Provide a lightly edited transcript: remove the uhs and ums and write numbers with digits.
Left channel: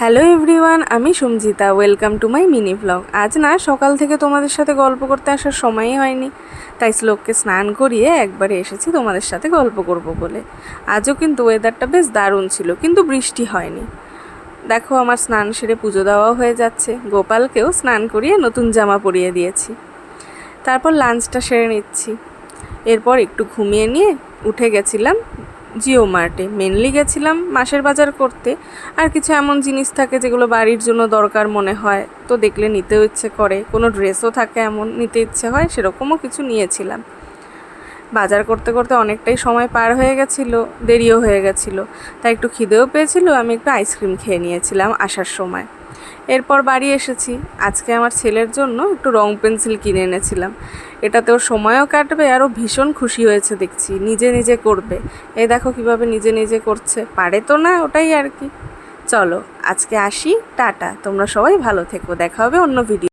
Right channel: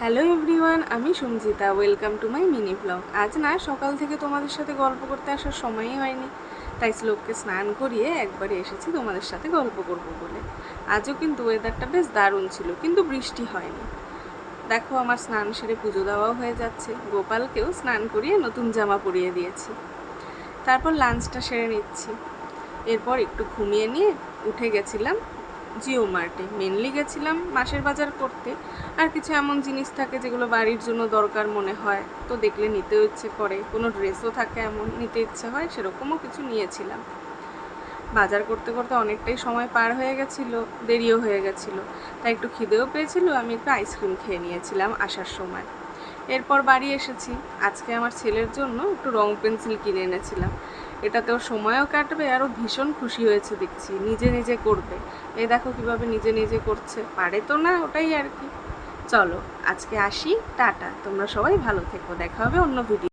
Hello everyone, আমি Sanjita. Welcome to my mini blog. আজ না সকাল থেকে তোমাদের সাথে গল্প করতে আসার সময়ই হয়নি, তাই শ্লোককে স্নান করিয়ে একবারে এসেছি তোমাদের সাথে গল্প করব বলে। আজও কিন্তু ওয়েদারটা বেশ দারুণ ছিল, কিন্তু বৃষ্টি হয়নি। দেখো, আমার স্নান সেরে পুজো দেওয়া হয়ে যাচ্ছে। গোপালকেও স্নান করিয়ে নতুন জামা পরিয়ে দিয়েছি। তারপর লাঞ্চটা সেরে নিচ্ছি। এরপর একটু ঘুমিয়ে নিয়ে উঠে গেছিলাম জিও মার্টে। মেনলি গেছিলাম মাসের বাজার করতে। আর কিছু এমন জিনিস থাকে যেগুলো বাড়ির জন্য দরকার মনে হয়, তো দেখলে নিতেও ইচ্ছে করে। কোনো ড্রেসও থাকে এমন নিতে ইচ্ছে হয়, সেরকমও কিছু নিয়েছিলাম। বাজার করতে করতে অনেকটাই সময় পার হয়ে গেছিলো, দেরিও হয়ে গেছিলো, তাই একটু খিদেও পেয়েছিল। আমি একটু আইসক্রিম খেয়ে নিয়েছিলাম আসার সময়। এরপর বাড়ি এসেছি। আজকে আমার ছেলের জন্য একটু রং পেন্সিল কিনে এনেছিলাম। এটাতে ওর সময়ও কাটবে, আরও ভীষণ খুশি হয়েছে দেখছি, নিজে নিজে করবে। এই দেখো কিভাবে নিজে নিজে করছে, পারে তো না, ওটাই আর কি। চলো আজকে আসি, টাটা। তোমরা সবাই ভালো থেকো, দেখা হবে অন্য ভিডিও।